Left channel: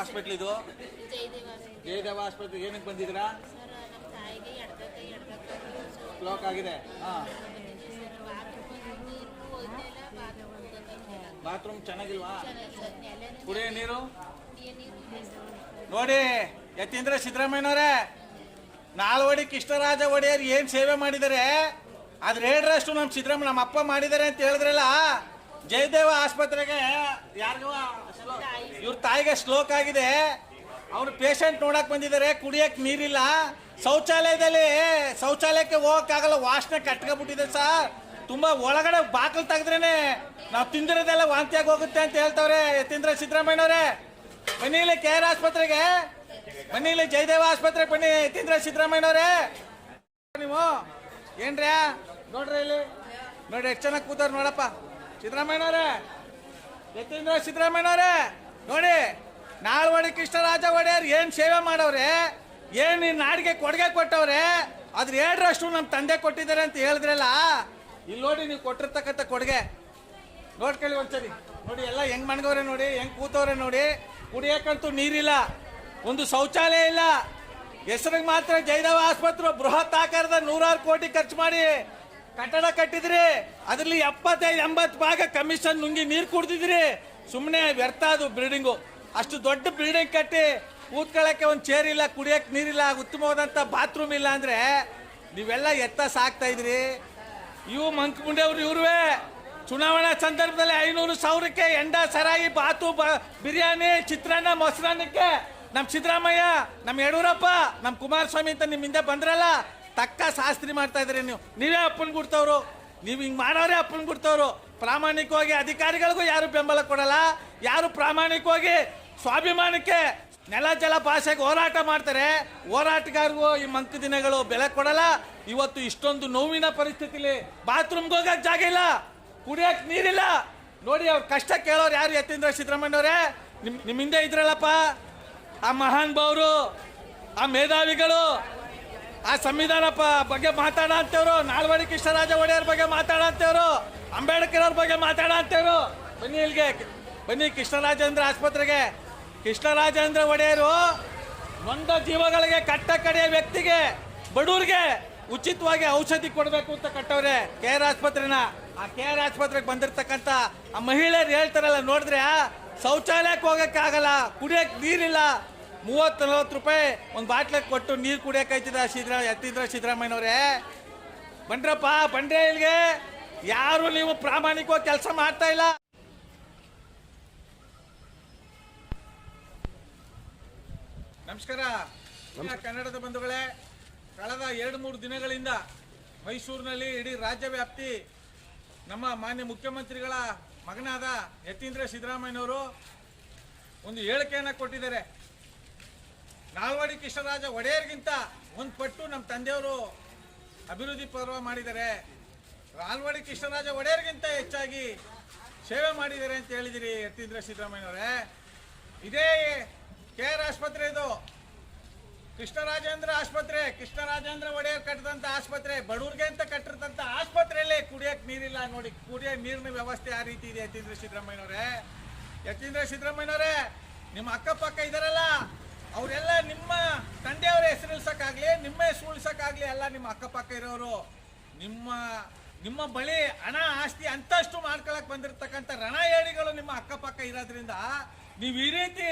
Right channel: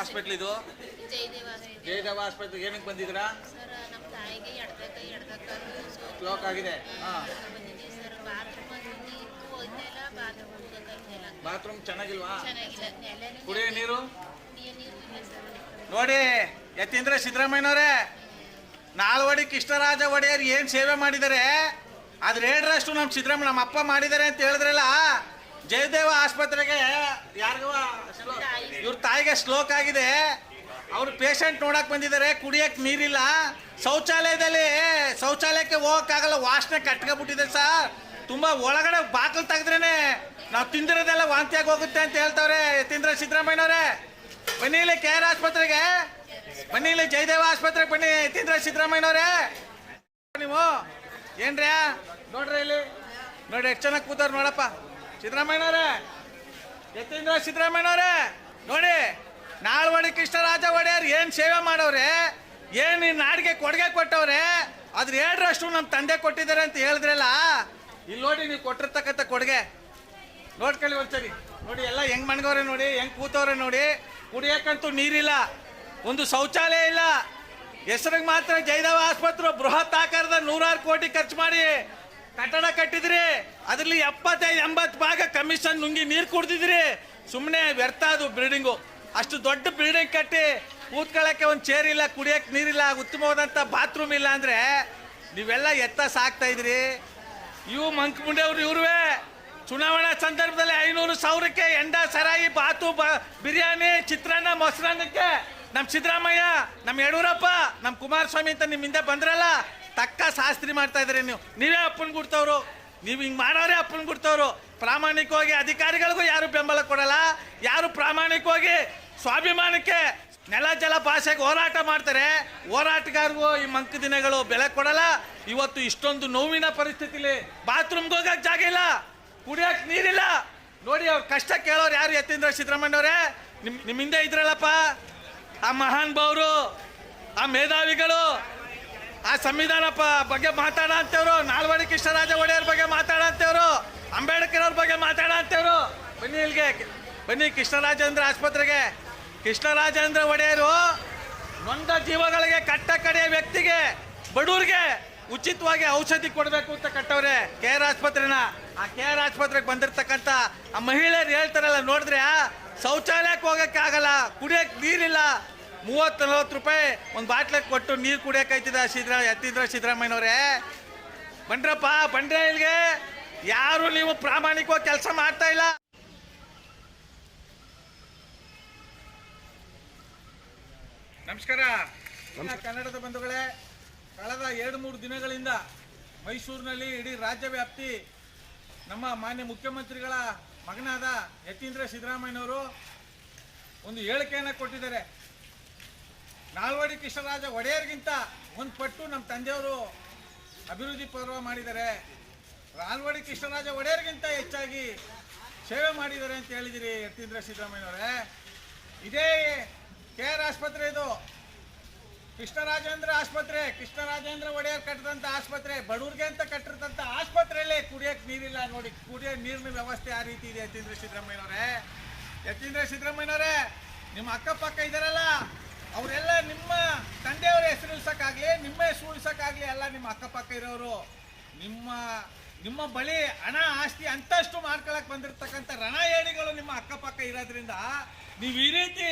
Hospital ಇದು? Jayadeva. Hospital ಏನಕ್ಕೆ ಬಂದಿದ್ರಾ block ಆಗಿದೆ. ಬಾತ್ರೂಮ್ ಚೆನ್ನಾಗಿಲ್ವಾ? ಕುಡಿಯೋ ನೀರು? ನೋಡಿ ಯತೀಂದ್ರ ಸಿದ್ದರಾಮಯ್ಯನವರೇ ನಾಲ್ವಡಿ ಕೃಷ್ಣರಾಜ ಒಡೆಯರ್ ಏನು ಸೇವೆ ಮಾಡಿದ್ದಾರೆ? ಅದ್ರ ಹೇಳ್ರಷ್ಟು ನಮ್ಮ ಸಿದ್ದರಾಮಯ್ಯ ನಮ್ಮ ಅಪ್ಪ ಮಾಡಿದ್ದಾರೆ ಅಂತ ಹೇಳಿದ್ರಲ್ಲ ಜಯದೇವ ಆಸ್ಪತ್ರೆಗೆ ಯಾರಿಗೂ ಇವ್ರ ತಾಯಿಗೆ ಸ್ಲೋಕ್ ಆಗಿದೆ. ಅವ್ರು ಪೇಷಂಟ್ ನೋಡಕ್ ಬಂದಿದ್ದಾರೆ, ಕುಡಿಯಕ್ ನೀರಿಲ್ಲ. ಶೌಚಾಲಯದಲ್ಲಿ, ಶೌಚಾಲಯಕ್ಕೆ ಹೋಗಕ್ಕಾಗಲ್ಲ, ವಾಸನೆ ಕಟ್ಕೊಬಿಟ್ಟಿದೆ ಸರ್. ತುಂಬಾ ಒಳಗಡೆ ಬಾಕಲ್ ತೆಗೆದ್ರೇನೆ ನಾವು ತಿಂದಿರೋದೆಲ್ಲ ವಾಂತಿಯಾಗಿ ಹೋಗುತ್ತೆ ಅಂತ ಹೇಳ್ತಾವ್ರೆ ತಿಂದ್ರೆ ಸಿದ್ದರಾಮಯ್ಯವ್ರೆ ಬನ್ನಿ ಇಲ್ಲಿ ಕೆ ಆರ್ ಆಸ್ಪತ್ರೆಗೆ. ಬನ್ನಿ ಇಲ್ಲಿ ಜಯದೇವ ಆಸ್ಪತ್ರೆಗೆ ಬನ್ನಿ ಯತೀಂದ್ರ ಸಿದ್ದರಾಮಯ್ಯವ್ರೆ ನೀವು ಏನ್ರ್ಯಾ ನೋಡ್ರಿ ಇಲ್ಲಿ. ನೋಡಿ ಎಷ್ಟು ಚೆನ್ನಾಗಿ ಕೂತಾರ ನೋಡಪ್ಪ. ಸಿದ್ದರಾಮಯ್ಯನವರೇ, ಯತೀಂದ್ರ ಸಿದ್ದರಾಮಯ್ಯನವರೇ, ನೋಡಿ ನಾಳ್ವಡಿ ಕೃಷ್ಣರಾಜ ಒಡೆಯರ್ ಏನು ಸೇವೆ ಮಾಡವ್ರೆ ಏನು ಈ ನಾಡಿಗೆ ಕೊಡುಗೆ ಕೊಟ್ಟವ್ರೆ ಅದ್ರ ಎರಡರಷ್ಟು ನಮ್ಮ ತಂದೆ ಕೊಟ್ಟಿದ್ದಾರೆ ಅಂತ ಹೇಳಿದ್ರಲ್ಲ, ಇಲ್ಲಿ ನೋಡಿ ನೀವು ಕೊಟ್ಟಿರ್ತಕ್ಕಂಥ ಕೊಡುಗೆ. ನೋಡ್ಕೊಳ್ಳಿ ಒಂದ್ಸರಿ, ನೋಡಿ ಎಲ್ಲ ಹೆಂಗ್ ಮಣ್ಗವ್ರೆ ನೋಡಿ, ಹೆಂಗ್ ಕೂತವ್ರೆ ನೋಡಿ, ಕುಡಿಯಕ್ಕಂತೂ ನೀರಿಲ್ಲ, ಒಂದು ಶೌಚಾಲಯ ಇಲ್ಲ. ಹೆಸರಿಗೆ ಮಾತ್ರ ಜೈದವ ಆಸ್ಪತ್ರೆ, ಬೃಹತ್ ಆಕಾರದ ನೂರಾರು ಕೋಟಿ ಖರ್ಚು ಮಾಡಿ ಕಟ್ಟಡ ಕಟ್ಟಿದ್ರಿ. ಅದರಲ್ಲಿ ಎಪ್ಪತ್ತೈದು, ಎಂಬತ್ತು ಭಾಗ ಕಮಿಷನ್ ನುಂಗಿ ನೀರು ಕುಡ್ದಿದ್ರಿ. ಸುಮ್ಮನೆ ವ್ಯರ್ಥ ಅದು ಬಿಲ್ಡಿಂಗು. ಅಷ್ಟು ದೊಡ್ಡ ಬಿಲ್ಡಿಂಗ್ ಕಟ್ಟಿ ಕೂತ್ಕೊಳ್ಳಕ್ಕೆ ಒಂದು ಚೇರ್ ಇಲ್ಲ ಕುಡಿಯಕ್ಕೆ ನೀರಿಲ್ಲ ಉತ್ತಮವಾದಂಥ ಬಾತ್ರೂಮ್ ಇಲ್ಲ ಅಂದ್ರೆ ನೀವೆಲ್ಲ ಎತ್ತ ಸಾಕ್ತಾ ಇದ್ರಿ. ಇವು ಮಂಕ್ ಅವರು ಇವ್ರುವೆ. ಚುನಾವಣಾ ಸಂದರ್ಭದಲ್ಲಿ ಐನೂರು ಸಾವಿರಕ್ಕೆ ಎಂಡ ಸರಾಯಿ ಬಾತು ಬಿರಿಯಾನಿ, ಚಿತ್ರಾನ್ನ, ಮೊಸರನ್ನಕ್ಕೆ. ನಮ್ಮ ಸಿದ್ದರಾಮಯ್ಯ ನಮ್ಮ ಯಡಿಯೂರಪ್ಪ ನಮ್ಮ ಕುಮಾರಸ್ವಾಮಿ ಅಂತ ನಿಮ್ಮ ಹಿಂದೆ ಬಂದ್ರಲ್ಲ ತಕ್ಕ ಶಾಸ್ತ್ರಿ ಮಾಡ್ತಾ ಇದ್ರಿ ನೀವು. ನೀವೇ ಅಪ್ಪನ ಗುಡ್ತವ್ರು. ನೀವು ಹಿಂಗೆ ಮಾಡೋರೇ ಅಪ್ಪನ ಗುಡ್ತವ್ರು. ಪ್ರಾಮಾಣಿಕವಾಗಿ ಅಧಿಕಾರಿಗಳಿಗೂ ಯಾರು ಬೆಂಬಲ ಕೊಡಲ್ಲ. ಯಾರು ಪ್ರಾಮಾಣಿಕವಾಗಿ ಸ್ವಾಭಿಮಾನಕ್ಕೆ ನೆಲ, ಜಲ ಭಾಷೆಗೆ ಹೋರಾಟ ಮಾಡ್ತಾರೆ. ಹೋರಾಟಗಾರರಿಗೂ ಈ ಮಂಕ ದಿನಗಳು ಬೆಲೆ ಕೊಡಲ್ಲ. ಇವತ್ತು ಇಷ್ಟೊಂದು ನೋವಿನ ಪರಿಸ್ಥಿತಿಲಿ ಬಾತ್ರೂಮ್ಗೆ ಹೋಗಕ್ಕೆ ಜಾಗ ಇಲ್ಲ. ಕುಡಿಯೋಕೆ ನೀರಿಲ್ಲ. ನೋಡಿ ಅವ್ರ ಕಷ್ಟ ಕೇಳೋರು ಯಾರು ಯತೀಂದ್ರ ಸಿದ್ದರಾಮಯ್ಯವ್ರೆ ನಿಮ್ಮ ನಿಮ್ ಹಿಂದೆ ಇದ್ರಲ್ಲಪ್ಪ. ಆ ಮಹಾನ್ ಭಾವರು ಆ ಮೇಧಾವಿಗಳು ಆ ಸಂವಿಧಾನ ಬಗ್ಗೆ ಮಾತಾಡ ಅಂತವ್ರು. ನಾಲ್ವಡಿ ಕೃಷ್ಣರಾಜ ಒಡೆಯರ್ ಬಗ್ಗೆ ಮಾತಾಡ ಅಂತವ್ರು. ಅಂಬೇಡ್ಕರ್ ಅವ್ರ ಬಗ್ಗೆ ಮಾತಾಡ ಅಂತವ್ರು. ಬನ್ನಿ ಇಲ್ಲಿಗೆ. ಬನ್ನಿ ಕೃಷ್ಣರಾಜೇಂದ್ರ ಆಸ್ಪತ್ರೆಗೆ. ಕೃಷ್ಣರಾಜೇಂದ್ರ ಒಡೆಯರು ನೊಂದ ಜೀವಗಳಿಗೆ ಕಟ್ಟ ಕಡೆಯ ವ್ಯಕ್ತಿಗೆ ಬಡವ್ರಿಗೆ ಉಚಿತವಾಗಿ ಔಷಧಿ ಕೊಡಬೇಕು ಅಂತ ಕಟ್ಟವ್ರೆ ಕೆ ಆರ್ ಆಸ್ಪತ್ರೆನ. ಆ ಕೆ ಆರ್ ಆಸ್ಪತ್ರೆಗೆ ಬಂದಿರ್ತಕ್ಕಂಥ ಆ ಮಹಿಳೆಯರು ಹೇಳ್ತಾರಲ್ಲ ನೋಡಿದ್ರೆ ಶೌಚಾಲಯಕ್ಕೆ ಹೋಗಕ್ಕೆ ಆಗಲ್ಲ ಕುಡಿಯಕ್ಕೆ ನೀರಿಲ್ಲ ಮೂವತ್ತು ನಲ್ವತ್ತು ರೂಪಾಯಿ ಒಂದು ಬಾಟ್ಲಿಗೆ ಕೊಟ್ಟು ನೀರು ಕುಡಿಯೋಕೈತಿದ ಸಿದ್ರ ಎತ್ತಿದ್ರ ಸಿದ್ದರಾಮಯ್ಯನವ್ರೆ? ಬಂಡ್ರಪ್ಪ ಬಂದ್ರೆ ಇಲ್ಲಿಗೆ. ಯಾರು ನೀವು ಪ್ರಾಮಾಣಿಕವಾಗಿ ಕೆಲಸ ಮಾಡ್ತಾ ಇಲ್ಲ. ನಮಸ್ಕಾರ. ಕನ್ನಡದ ಬಂಧುಗಳೇ ಕಳೆದ ಎರಡು ಮೂರು ದಿನಗಳಿಂದ ಮೈಸೂರಿನಲ್ಲಿ ಇಡೀ ರಾಜ್ಯ ವ್ಯಾಪ್ತಿ ನಮ್ಮ ಮಾನ್ಯ ಮುಖ್ಯಮಂತ್ರಿಗಳ ಮಗನಾದ ಯತೀಂದ್ರ ಸಿದ್ದರಾಮಯ್ಯನವರು ಒಂದು ಹೇಳಿಕೆಯನ್ನು ಕೊಟ್ಟಿದ್ದಾರೆ. ನಾಲ್ವಡಿ ಕೃಷ್ಣರಾಜ ಒಡೆಯರ್ಗಿಂತ ಒಂದು ಪಟ್ಟು ನಮ್ಮ ತಂದೆಯವರು ಅಭಿವೃದ್ಧಿ ಪರ್ವ ಮಾಡಿದ್ದಾರೆ. ನಾಲ್ವಡಿ ಕೃಷ್ಣರಾಜ ಒಡೆಯರ್ಗಿಂತ ಹೆಚ್ಚಾಗಿ ಸೇವೆ ಮಾಡಿದ್ದಾರೆ ಅಂತ ಹೇಳಿದಿರಿ ಯತೀಂದ್ರ ಸಿದ್ದರಾಮಯ್ಯನವರೇ ಇದೇ ಕೆ ಆರ್ ಆಸ್ಪತ್ರೆ ಇದು. ಕೃಷ್ಣರಾಜೇಂದ್ರ ಆಸ್ಪತ್ರೆ, ಕೃಷ್ಣರಾಜೇಂದ್ರ ಒಡೆಯರ್ ಕಟ್ಟಿದಂಥ ಆಸ್ಪತ್ರೆ, ಬಡವ್ರಿಗೆ ಅಂತ ಕಟ್ಟಿರ್ತಂಥ ಆಸ್ಪತ್ರೆಯಲ್ಲೇ ಕುಡಿಯಕ್ ನೀರಿಲ್ಲ ನೋಡಿ, ಕುಡಿಯೋ ನೀರಿನ ವ್ಯವಸ್ಥೆ ಆ ರೀತಿ ಇದೆ ಯತೀಂದ್ರ ಸಿದ್ದರಾಮಯ್ಯನವರೇ ಯತೀಂದ್ರ ಸಿದ್ದರಾಮಯ್ಯನವರೇ ನಿಮ್ಮ ಅಕ್ಕಪಕ್ಕ ಇದಾರಲ್ಲ? ಅವರೆಲ್ಲ ನಿಮ್ಮ ತಂದೆಯವರ ಹೆಸರು ಉಳ್ಸಕ್ಕಾಗ್ಲಿ, ನಿಮ್ಮ ಹೆಸರು ಉಳಿಸೋಕ್ಕಾಗಲಿ ಎಲ್ಲ ನಿಮ್ಮ ಅಕ್ಕಪಕ್ಕ ಇರೋರು, ನಿಮ್ಮ ನಿಮ್ಮ ಬಳಿ ಹಣ, ಆಸ್ತಿ ಅಂತಷ್ಟು ಮಾಡ್ಕೊಳಕ್ ಬಂದಿರತಕ್ಕಂಥ ರಣಏಡಿಗಳು ನಿಮ್ಮ ಅಕ್ಕಪಕ್ಕ ಇರೋದ್ರಿಂದ ನೀವು ಈ ರೀತಿ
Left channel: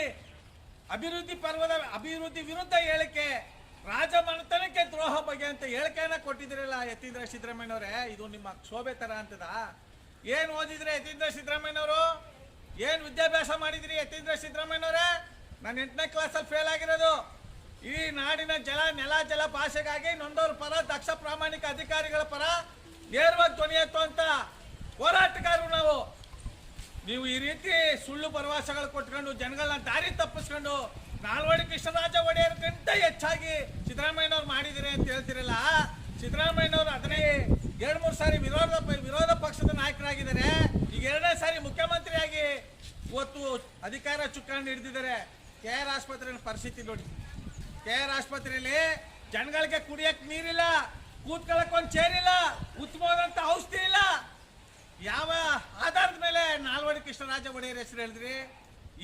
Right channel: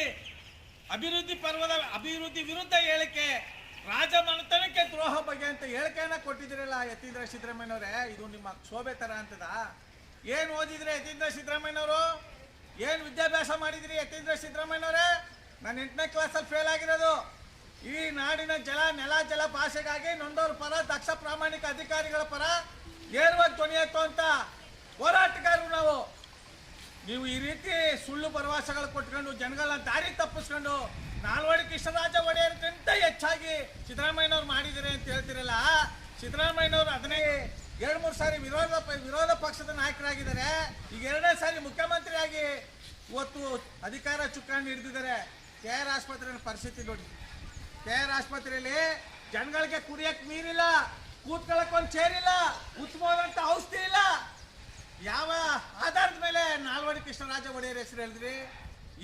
ಅಭಿವೃದ್ಧಿ ಪರ್ವದ, ಅಭಿವೃದ್ಧಿ ವಿರುದ್ಧ ಹೇಳಿಕೆ, ರಾಜಮನೆತನಕ್ಕೆ ದ್ರೋಹ ಬಗ್ಗೆ ಅಂತ ಹೇಳಿಕೆಯನ್ನ ಕೊಟ್ಟಿದ್ರಲ್ಲ ಯತೀಂದ್ರ ಸಿದ್ದರಾಮಯ್ಯವ್ರೆ ಇದು ನಿಮ್ಮ ಶೋಭೆ ತರ ಅಂತದ. ಏನು ಓದಿದ್ರೆ ಯತೀಂದ್ರ ಸಿದ್ದರಾಮಯ್ಯವರು ಏನು ವಿದ್ಯಾಭ್ಯಾಸ ಮಾಡಿದ್ರಿ ಯತೀಂದ್ರ ಸಿದ್ದರಾಮಯ್ಯನವರೇ? ನಾನು ಎಂಟನೇ ಕ್ಲಾಸಲ್ಲಿ ಫೇಲ್ ಆಗಿರೋದು. ಈ ನಾಡಿನ ಜಲ, ನೆಲ, ಜಲ ಭಾಷೆಗಾಗಿ ನೊಂದವ್ರ ಪರ, ದಕ್ಷ ಪ್ರಾಮಾಣಿಕ ಅಧಿಕಾರಿಗಳ ಪರ ನೇರವಾಗಿ ಧ್ವನಿ ಎತ್ತುವಂತ ಹೋರಾಟಗಾರರು ನಾವು. ನೀವು ಈ ರೀತಿ ಸುಳ್ಳು ಭರವಸೆಗಳು ಕೊಟ್ಕೊಂಡು ಜನಗಳನ್ನ ದಾರಿ ತಪ್ಪಿಸ್ಕೊಂಡು ನಾಲ್ವಡಿ ಕೃಷ್ಣರಾಜ ಒಡೆಯರ್ಗಿಂತ ಹೆಚ್ಚಾಗಿ ಸಿದ್ದರಾಮಯ್ಯನವ್ರು ಮಾಡಿದಿರಿ ಅಂತ ಹೇಳ್ತಿರಲ್ಲ, ಸಿದ್ದರಾಮಯ್ಯನವರು ಅದನ್ನೇ ಎರಡು ಮೂರು ಸಾರಿ ವಿರೋಧ ವಿರೋಧ ಪಕ್ಷದ ನಾಯಕರಾಗಿದ್ದಾರೆ. ಈಗ ಎರಡನೇ ಸಾರಿ ಮುಖ್ಯಮಂತ್ರಿಯಾಗಿ ಇವತ್ತು ಅಧಿಕಾರ ಚುಕ್ಕಾಣಿ ಹಿಡಿದಿದ್ದಾರೆ. ಕೆ ಆರ್ ಆಸ್ಪತ್ರೆ ಪರಿಸ್ಥಿತಿ ನೋಡಿ. ಕೆ ಆರ್ ಆಸ್ಪತ್ರೆಯಲ್ಲಿ ಜನಗಳಿಗೆ ಕುಡಿಯಕ್ ನೀರಿಲ್ಲ, ಕೂತ್ಕೊಳ್ಳಕ್ ಒಂದು ಇಲ್ಲ, ಉತ್ತಮವಾದಂತ ಔಷಧಿ ಇಲ್ಲ. ಯಾವ ಆಧಾರದ ಮೇಲೆ ನಾಲ್ವಡಿ ಕೃಷ್ಣರಾಜ ಒಡೆಯರ್ ಹೆಸರು ಹೇಳಿದ್ರಿ?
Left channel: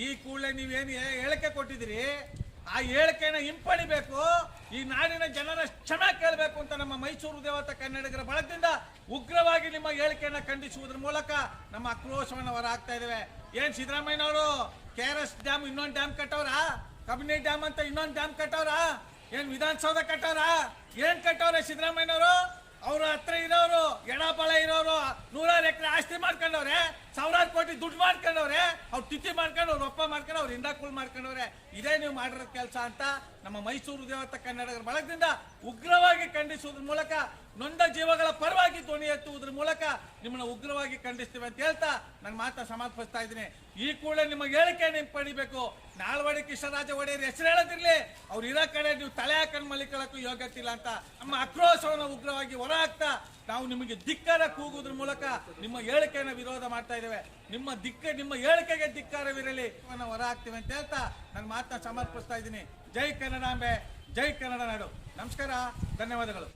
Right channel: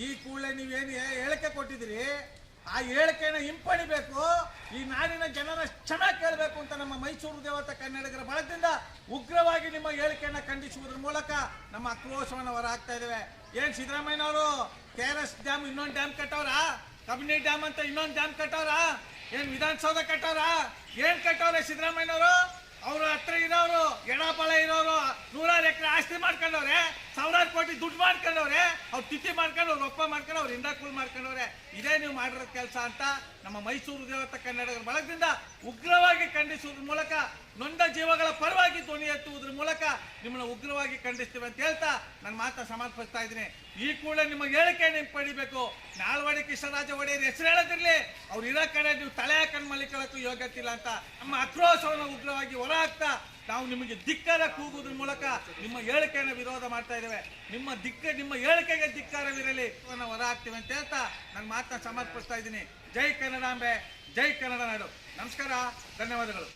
ಈ ಕೂಡಲೇ ನೀವೇನು ಹೇಳಿಕೆ ಕೊಟ್ಟಿದ್ರಿ ಆ ಹೇಳಿಕೆನ ಹಿಂಪಡಿಬೇಕು. ಈ ನಾಡಿನ ಜನರ ಕ್ಷಮೆ ಕೇಳಬೇಕು ಅಂತ ನಮ್ಮ ಮೈಸೂರು ದೇವತ ಕನ್ನಡಿಗರ ಬಳಗದಿಂದ ಉಗ್ರವಾಗಿ ನಿಮ್ಮ ಹೇಳಿಕೆಯನ್ನು ಖಂಡಿಸುವುದರ ಮೂಲಕ ನಮ್ಮ ಆಕ್ರೋಶವನ್ನು ಹೊರಹಾಕ್ತಾ ಇದ್ದೇವೆ. ಏನು ಸಿದ್ದರಾಮಯ್ಯನವರು? ಕೆ ಡ್ಯಾಮ್ ಇನ್ನೊಂದು ಡ್ಯಾಮ್ ಕಟ್ಟವ್ರ ಕಬಿನಿ ಡ್ಯಾಮ್ ಅಂತ ಇನ್ನೊಂದು ಡ್ಯಾಮ್ ಕಟ್ಟವ್ರ ಏನ್ ವಿಧಾನಸೌಧ ಕಟ್ಟವ್ರ ಏನ್ ಕಟ್ಟವ್ರೆ ಸಿದ್ದರಾಮಯ್ಯನವರು? ಅವ್ರ ಹತ್ರ ಇರೋರು ಎಡಪಾಳ ಇರೋರು, ನೂರಾರು ಎಕರೆ ಆಸ್ತಿ ಮಾಡ್ಕೊಂಡವ್ರೆ, ಸಾವಿರಾರು ಕೋಟಿ ದುಡ್ಡು ಮಾಡ್ಕೊಂಡವ್ರೆ, ಅವ್ರು ಟಿಟಿ ಮಾಡ್ಕೊಂಡು, ಅವ್ರು ಒಪ್ಪ ಮಾಡ್ಕೊಂಡು, ಅವ್ರು ಹಿಂದಾಕುಳ್ ಮಾಡ್ಕೊಂಡವ್ರೆ. ಇದೇ ನೀವು ಮಾಡಿರೋ ಕೆಲಸ ಅಂತ ನಮ್ಮ ಮೈಸೂರು ದೇವತ ಕನ್ನಡಿಗರ ಬಳಗದಿಂದ ಉಗ್ರವಾಗಿ ಖಂಡಿಸುವುದ್ರ ಮೂಲಕ ನೊಂದ ಜೀವಗಳ ಪರವಾಗಿ ಧ್ವನಿ ಎತ್ತುವುದ್ರ ಮೂಲಕ ನಿಮ್ಮನ್ನು ಉಗ್ರವಾಗಿ ಖಂಡಿಸ್ತೀವಿ ಅಂತ ಹೇಳ್ತಾ ನನ್ನ ಮಾತ ಸಮರ್ಪಿಸ್ತಾ ಇದ್ದೀನಿ. ಈ ಕೂಡಲೇ ನಿಮಗೆ ಹೇಳಿಕೆ ನೀವು ಪಡಿಬೇಕು. ನಾಲ್ವಡಿ ಕೃಷ್ಣರಾಜ ಒಡೆಯರ್ ಹೆಸರು ಹೇಳೋದಿರಲಿ. ಅವ್ರು ಇರೋ ಕಡೆ ನೀವು ತಲೆ ಹಾಕೊಂಡು ಮಲಿಕೊಳ್ಳೋಕ್ಕೂ ಯೋಗ್ಯತೆ ಇಲ್ಲ ಅಂತ. ನಮ್ಮ ಆಕ್ರೋಶವನ್ನು ಉಗ್ರವಾಗಿ ಹೊರ ಹಾಕ್ತಾ ನಾವು ನಿಮಗೆ ಧಿಕ್ಕಾರ ಕೂಗುವುದ್ರ ಮೂಲಕ ನಿಮ್ಮ ಹೇಳಿಕೆಯನ್ನು ವಿರೋಧ ಮಾಡ್ತಾ ಇದ್ದೇವೆ. ನಿಮ್ಮ ದಿಕ್ಕ, ನಿಮ್ಮ ಹೇಳಿಕೆಗೆ ಧಿಕ್ಕಾರವಿರಲಿ. ನಾವು ಹೊರ ಹಾಕ್ತೀವಿ ಅಂತ ಹೇಳ್ತಾ ನನ್ನ ಮಾತನ್ನ ಸಮರ್ಪಿಸ್ತಾ ಇದ್ದೀನಿ. ಜೈ ಕನ್ನಡಾಂಬೆ ಜೈ ಕನ್ನಡ ನಾಡು. ನಮಸ್ಕಾರ, ಧನ್ಯವಾದಗಳು.